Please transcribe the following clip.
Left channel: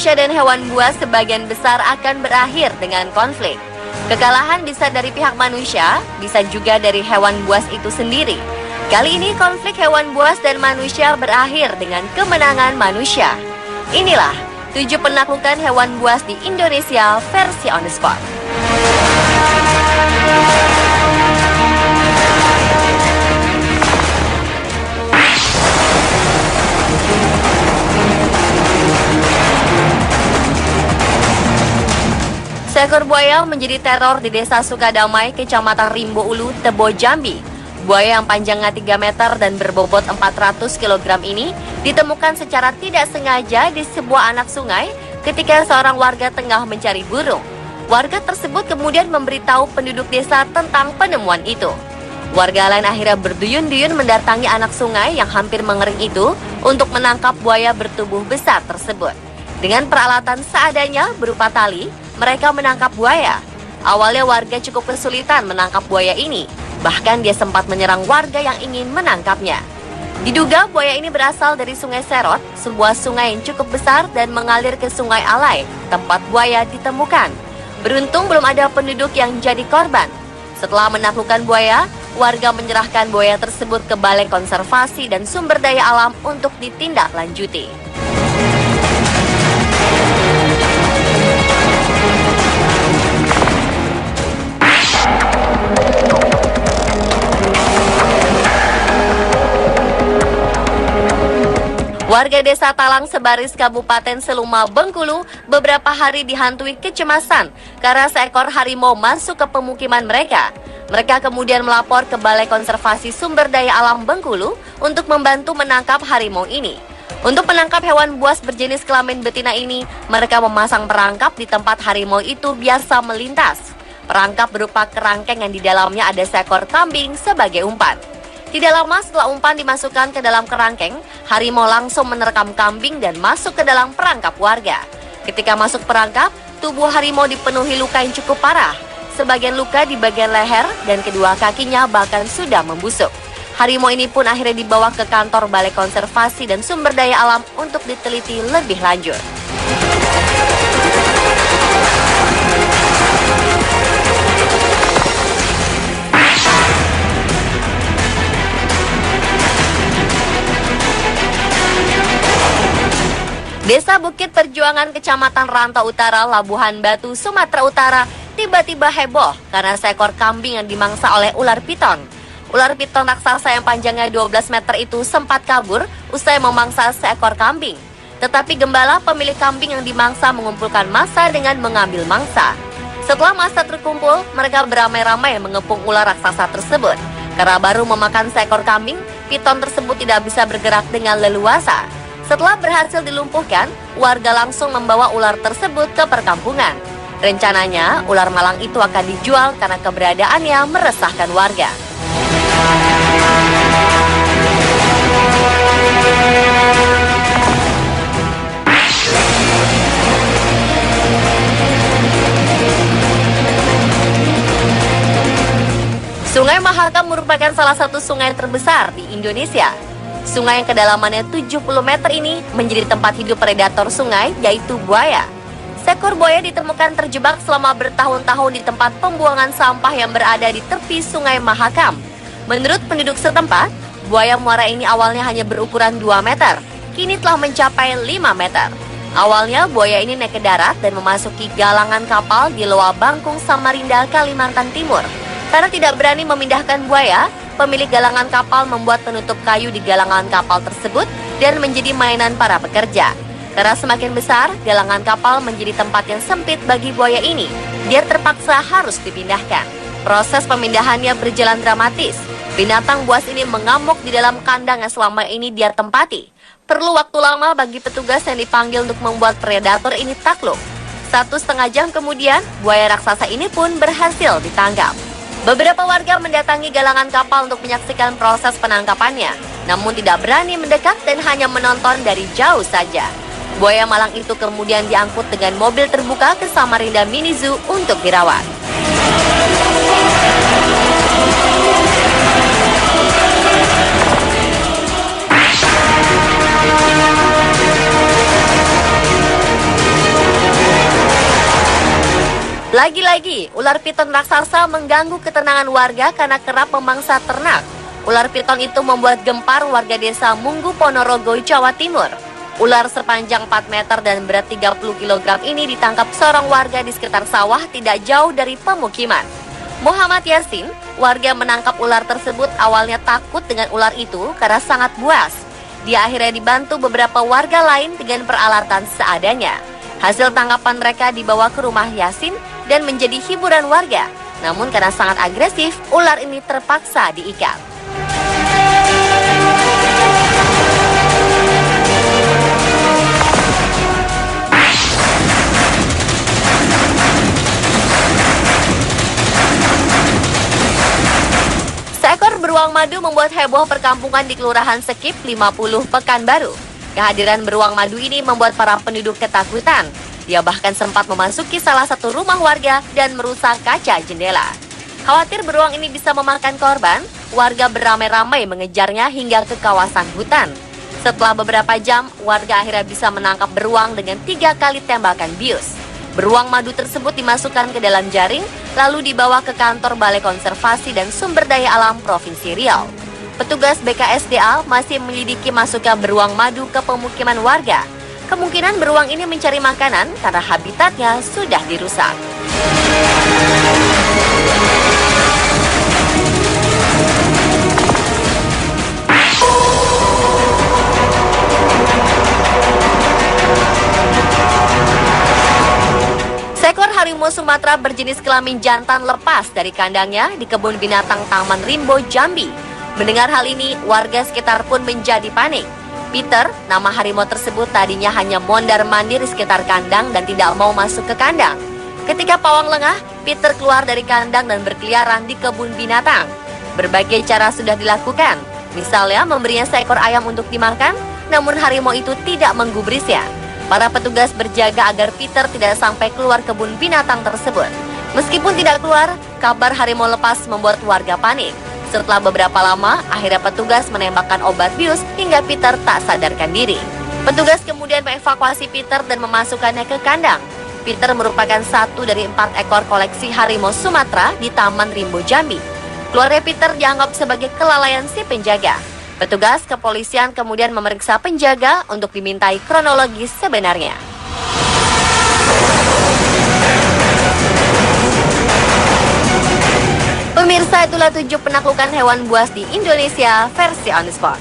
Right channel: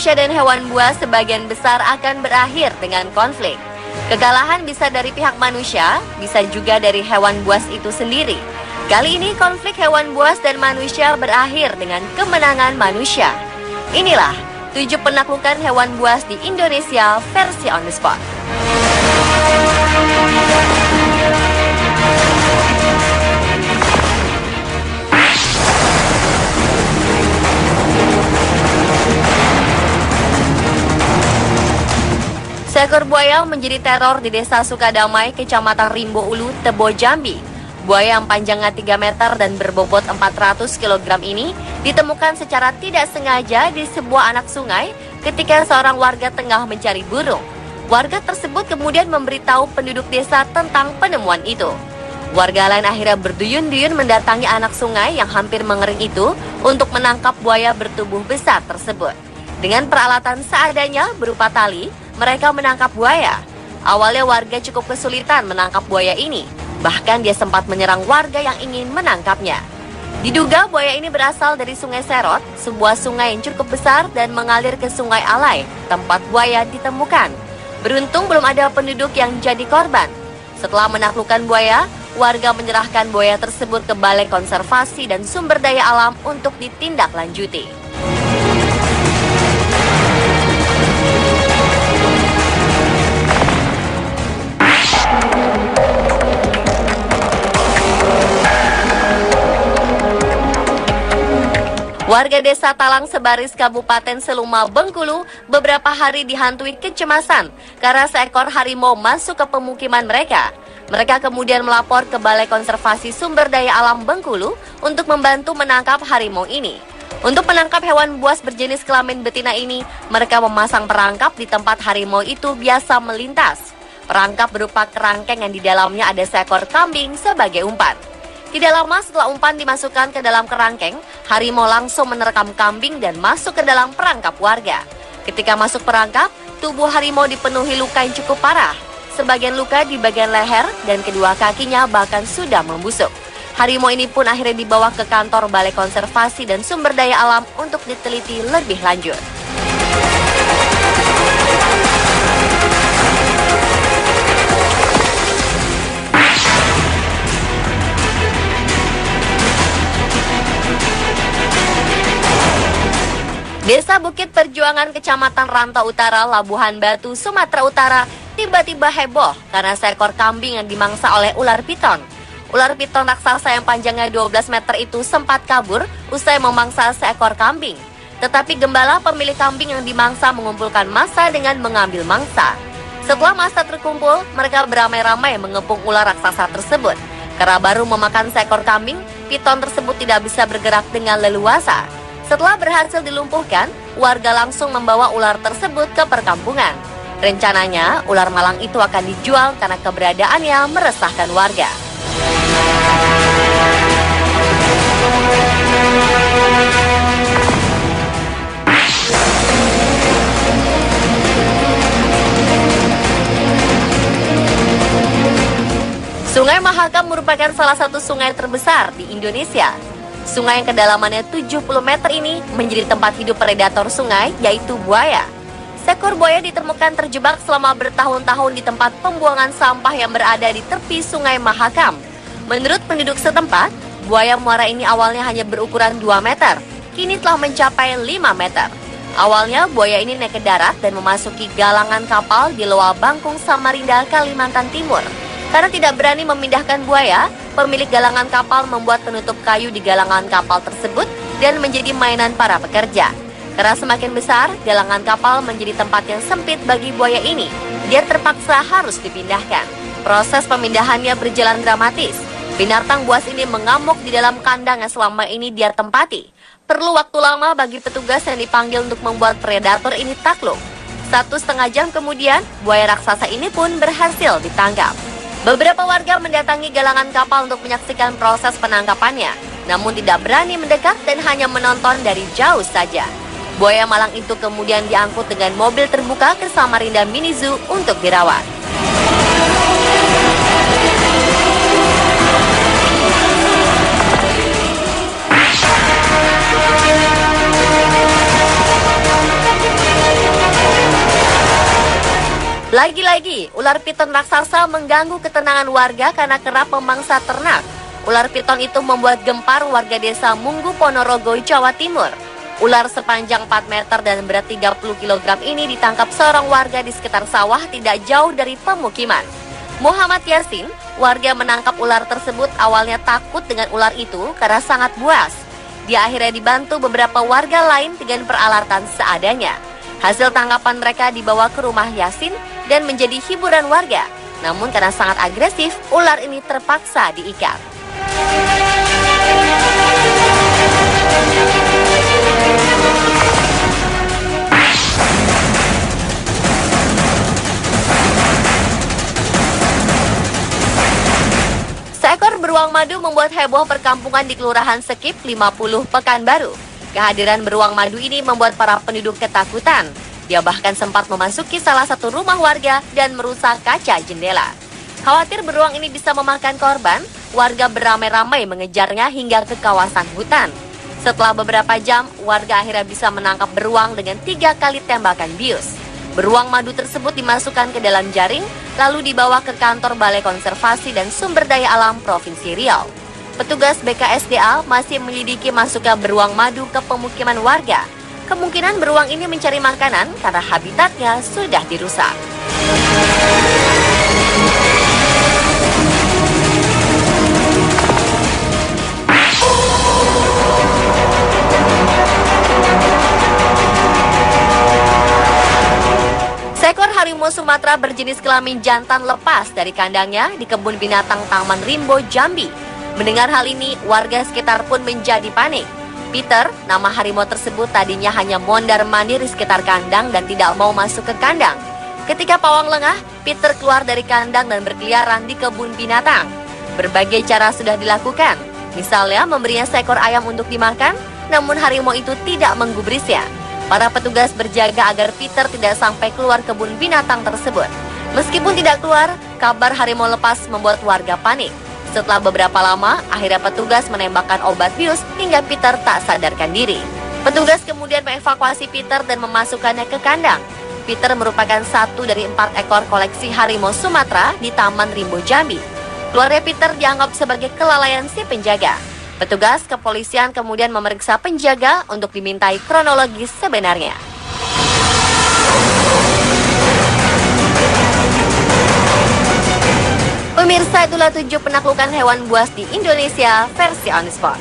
manusia dan hewan buas sebagian besar akan berakhir dengan konflik. Kekalahan bisa dari pihak manusia, bisa juga dari hewan buas itu sendiri. Kali ini konflik hewan buas dan manusia berakhir dengan kemenangan manusia. Inilah 7 penaklukan hewan buas di Indonesia versi on the spot. Seekor buaya menjadi teror di Desa Sukadamai, Kecamatan Rimbo Ulu, Tebo, Jambi. Buaya yang panjangnya 3 meter dan berbobot 400 kg ini ditemukan secara tidak sengaja di sebuah anak sungai ketika seorang warga tengah mencari burung. Warga tersebut kemudian memberitahu penduduk desa tentang penemuan itu. Warga lain akhirnya berduyun-duyun mendatangi anak sungai yang hampir mengering itu untuk menangkap buaya bertubuh besar tersebut. Dengan peralatan seadanya berupa tali, mereka menangkap buaya. Awalnya warga cukup kesulitan menangkap buaya ini. Bahkan dia sempat menyerang warga yang ingin menangkapnya. Diduga buaya ini berasal dari Sungai Serot, sebuah sungai yang cukup besar dan mengalir ke Sungai Alai, tempat buaya ditemukan. Beruntung belum ada penduduk yang jadi korban. Setelah menaklukkan buaya, warga menyerahkan buaya tersebut ke Balai Konservasi dan Sumber Daya Alam untuk ditindaklanjuti. Warga Desa Talang Sebaris Kabupaten Seluma, Bengkulu beberapa hari dihantui kecemasan karena seekor harimau masuk ke pemukiman mereka. Mereka kemudian melapor ke Balai Konservasi Sumber Daya Alam Bengkulu untuk membantu menangkap harimau ini. Untuk menangkap hewan buas berjenis kelamin betina ini, mereka memasang perangkap di tempat harimau itu biasa melintas. Perangkap berupa kerangkeng yang di dalamnya ada seekor kambing sebagai umpan. Tidak lama setelah umpan dimasukkan ke dalam kerangkeng, harimau langsung menerkam kambing dan masuk ke dalam perangkap warga. Ketika masuk perangkap, tubuh harimau dipenuhi luka yang cukup parah. Sebagian luka di bagian leher dan kedua kakinya bahkan sudah membusuk. Harimau ini pun akhirnya dibawa ke kantor Balai Konservasi dan Sumber Daya Alam untuk diteliti lebih lanjut. Desa Bukit Perjuangan, Kecamatan Rantau Utara, Labuhan Batu, Sumatera Utara, tiba-tiba heboh karena seekor kambing yang dimangsa oleh ular piton. Ular piton raksasa yang panjangnya 12 meter itu sempat kabur usai memangsa seekor kambing. Tetapi gembala pemilik kambing yang dimangsa mengumpulkan massa dengan mengambil mangsa. Setelah massa terkumpul, mereka beramai-ramai mengepung ular raksasa tersebut. Karena baru memakan seekor kambing, piton tersebut tidak bisa bergerak dengan leluasa. Setelah berhasil dilumpuhkan, warga langsung membawa ular tersebut ke perkampungan. Rencananya, ular malang itu akan dijual karena keberadaannya meresahkan warga. Sungai Mahakam merupakan salah satu sungai terbesar di Indonesia. Sungai yang kedalamannya 70 meter ini menjadi tempat hidup predator sungai, yaitu buaya. Seekor buaya ditemukan terjebak selama bertahun-tahun di tempat pembuangan sampah yang berada di tepi Sungai Mahakam. Menurut penduduk setempat, buaya muara ini awalnya hanya berukuran 2 meter, kini telah mencapai 5 meter. Awalnya buaya ini naik ke darat dan memasuki galangan kapal di Loa Bangkung, Samarinda, Kalimantan Timur. Karena tidak berani memindahkan buaya, pemilik galangan kapal membuat penutup kayu di galangan kapal tersebut dan menjadi mainan para pekerja. Karena semakin besar, galangan kapal menjadi tempat yang sempit bagi buaya ini. Dia terpaksa harus dipindahkan. Proses pemindahannya berjalan dramatis. Binatang buas ini mengamuk di dalam kandang yang selama ini dia tempati. Perlu waktu lama bagi petugas yang dipanggil untuk membuat predator ini takluk. 1,5 jam kemudian, buaya raksasa ini pun berhasil ditangkap. Beberapa warga mendatangi galangan kapal untuk menyaksikan proses penangkapannya, namun tidak berani mendekat dan hanya menonton dari jauh saja. Buaya malang itu kemudian diangkut dengan mobil terbuka ke Samarinda Mini Zoo untuk dirawat. lagi, ular piton raksasa mengganggu ketenangan warga karena kerap memangsa ternak. Ular piton itu membuat gempar warga desa Munggu, Ponorogo, Jawa Timur. Ular sepanjang 4 meter dan berat 30 kg ini ditangkap seorang warga di sekitar sawah tidak jauh dari pemukiman. Muhammad Yasin, warga menangkap ular tersebut, awalnya takut dengan ular itu karena sangat buas. Dia akhirnya dibantu beberapa warga lain dengan peralatan seadanya. Hasil tangkapan mereka dibawa ke rumah Yasin dan menjadi hiburan warga. Namun karena sangat agresif, ular ini terpaksa diikat. Seekor beruang madu membuat heboh perkampungan di Kelurahan Sekip 50, Pekanbaru. Kehadiran beruang madu ini membuat para penduduk ketakutan. Dia bahkan sempat memasuki salah satu rumah warga dan merusak kaca jendela. Khawatir beruang ini bisa memakan korban, warga beramai-ramai mengejarnya hingga ke kawasan hutan. Setelah beberapa jam, warga akhirnya bisa menangkap beruang dengan 3 kali tembakan bius. Beruang madu tersebut dimasukkan ke dalam jaring, lalu dibawa ke kantor Balai Konservasi dan Sumber Daya Alam Provinsi Riau. Petugas BKSDA masih menyelidiki masuknya beruang madu ke pemukiman warga. Kemungkinan beruang ini mencari makanan karena habitatnya sudah dirusak. Seekor harimau Sumatera berjenis kelamin jantan lepas dari kandangnya di kebun binatang Taman Rimbo, Jambi. Mendengar hal ini, warga sekitar pun menjadi panik. Peter, nama harimau tersebut, tadinya hanya mondar-mandir di sekitar kandang dan tidak mau masuk ke kandang. Ketika pawang lengah, Peter keluar dari kandang dan berkeliaran di kebun binatang. Berbagai cara sudah dilakukan, misalnya memberinya seekor ayam untuk dimakan, namun harimau itu tidak menggubrisnya. Para petugas berjaga agar Peter tidak sampai keluar kebun binatang tersebut. Meskipun tidak keluar, kabar harimau lepas membuat warga panik. Setelah beberapa lama, akhirnya petugas menembakkan obat bius hingga Peter tak sadarkan diri. Petugas kemudian mengevakuasi Peter dan memasukkannya ke kandang. Peter merupakan satu dari 4 ekor koleksi harimau Sumatera di Taman Rimbo, Jambi. Keluarnya Peter dianggap sebagai kelalaian si penjaga. Petugas kepolisian kemudian memeriksa penjaga untuk dimintai kronologis sebenarnya. Pemirsa, itulah 7 penaklukan hewan buas di Indonesia versi On The Spot.